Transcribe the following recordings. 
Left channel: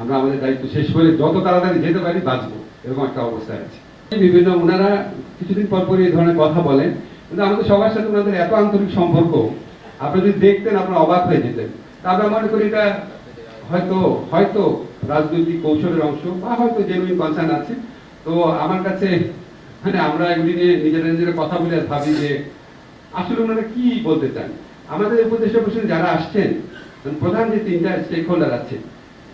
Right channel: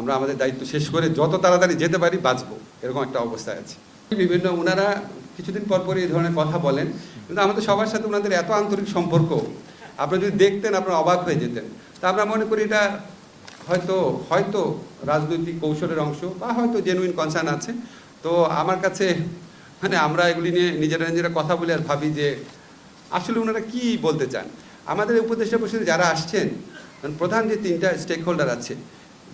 আমরা আমাদের দায়িত্ব শেষ করে যত তাড়াতাড়ি যেতে পারি বাঁচবো, এরকম একটা অবস্থায় আছে। বিভিন্ন ওনারা কিছুদিন পর পরই এই ধরনের কথা বলেন, কিন্তু আমাদের সবার সাথে ওনাদের এত আন্তরিক সম্পর্ক, আপনি যদি দেখতেন আপনারা অবাক হয়ে যেতেন। তা আমরা মনে করি এটা হয়তো হয়তো রাজনৈতিক কৌশলের অংশ বা হয়তো জেনুইন কনসার্ন আছে। তো আমার কাছে মানে আমরা এগুলি নিয়ে নিজেরা নিজেরা কথা বলে আর ভাবি যে আসলে ওনারা কি বলতে চান? আমাদের উপদেষ্টা পরিষদে যারা আসছেন, প্রধান যে তিনটা স্টেক হোল্ডার আছে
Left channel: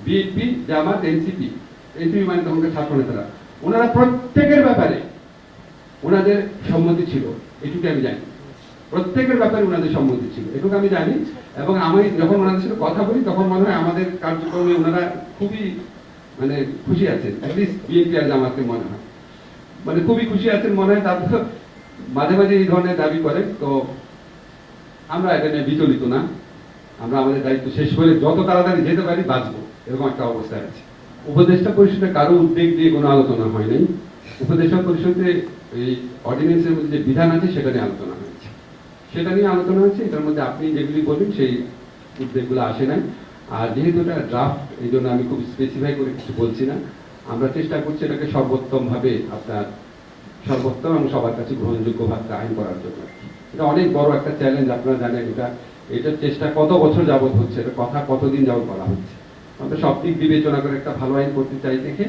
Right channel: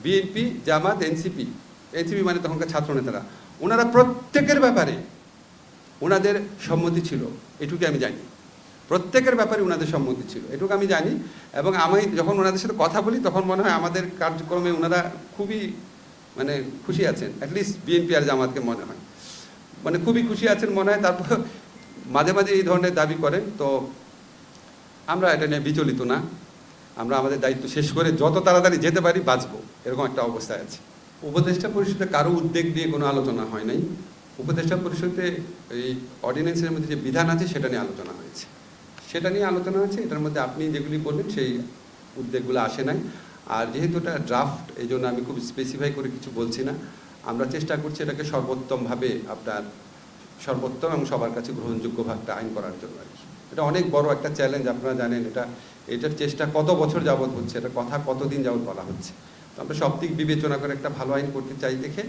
বিএনপি জামাত এনসিপি এনসিপি মানে তখনকার ছাত্র নেতারা। ওনারা প্রত্যেকের ব্যাপারে ওনাদের সম্মতি ছিল। এটুকু আমি জানি। প্রত্যেকের ব্যাপারে ওনাদের সম্মতি ছিল। এটুকু আমি জানি। এবং আমি যখন ওনাদের সাথে কথা বলি, তখন মনে হয় আমাদের কার্যক্রমে ওনারা খুবই মানে খুশি আছেন। অ্যাটলিস্ট বিএনপি আর জামাতকে মনে হয়। মানে খুবই খুশি আছেন মনে হয়। তারপর মাঝে মাঝে এই ধরনের দাবি করে। তো আমরা এটা নিয়ে বিচলিত না। আমরা আমাদের দায়িত্ব শেষ করে যত তাড়াতাড়ি যেতে পারি বাঁচবো। এরকম একটা অবস্থা আছে। উপদেষ্টা পরিষদে কারও উদ্যোগ দিয়ে কোনো আলোচনা হয় নাই। উপদেষ্টা পরিষদে এই অর্ডিন্যান্সের মধ্যে যে বিধান আছে, সেটা নিয়ে আলোচনা হয়েছে। সেটা নিয়ে আলোচনা আছে এটার মধ্যে আপনি যেগুলি বলবেন সেই উদ্যোগগুলো আসে নাই। আর যেহেতু এটা ড্রাফট এই জন্য আমি খুব স্পেসিফাই করে কিছু বলছি না। আমরা চেষ্টা করছি এটাকে সর্বোত্তমভাবে আপনার সর্বোত্তম এবং সবার কাছে গ্রহণযোগ্য ভাবটা আইন করার জন্য। এটা অনেক বড় একটা চ্যালেঞ্জ আপনারা জানেন এটা। এটার চেষ্টা কত বছর যাবত হচ্ছে, এটা কথা কতদিন যাবত করা হচ্ছে। আমরা সব দিক বিবেচনা করে একটা ভালো আইন করতে চাই দেখে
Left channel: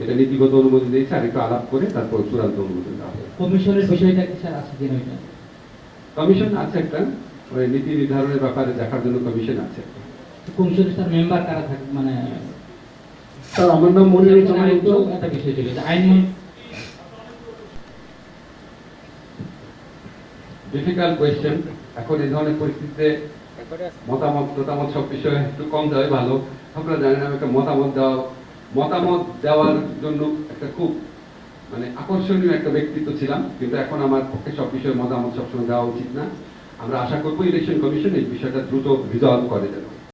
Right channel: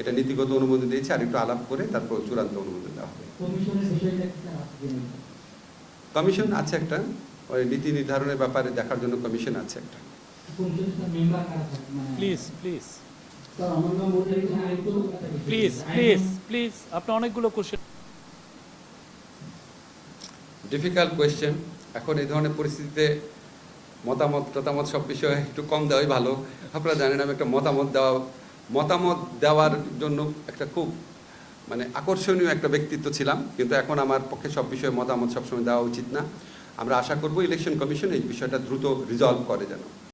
এটা নীতিগত অনুমোদন দিয়েছে আর একটু আলাপ করে তারপর চূড়ান্ত অনুমোদন দেওয়া হবে। কমিশনের বিষয়টা কি স্যার আছে কিনা কমিশন আছে একটা ওই নীতি নির্ধারণের ব্যাপারে দেখার জন্য কমিশন আছে একটা। কমিশনের স্যার মেম্বার কারা থাকে? মানে প্লিজ প্লিজ স্যার আমার নাম মনিরুল জামান আইন তো অন্তু। একটা বিষয় প্লিজ প্লিজ প্লিজ আপনি অনেকগুলো কোশ্চেন ডিফিকাল্ট কোয়েশ্চেন এখন এই ধরনের পরিস্থিতিতে মতামত মতামত সব বিষয়ে একটু কম দেওয়াই ভালো। আপনারা জানেন, আমি একটা মতামত দেওয়া, মতামত দেওয়ার জন্য একটা খুব মানে আকর্ষণীয় একটা ব্যক্তিত্ব ছিলাম। কিন্তু এখন আমার পক্ষে সব বিষয়ে মতামত সবসময় দেওয়া উচিত না। আমরা আশা করব ইলেকশন কমিশন এই বিষয়টা দ্রুত রিজলভ করে যেন।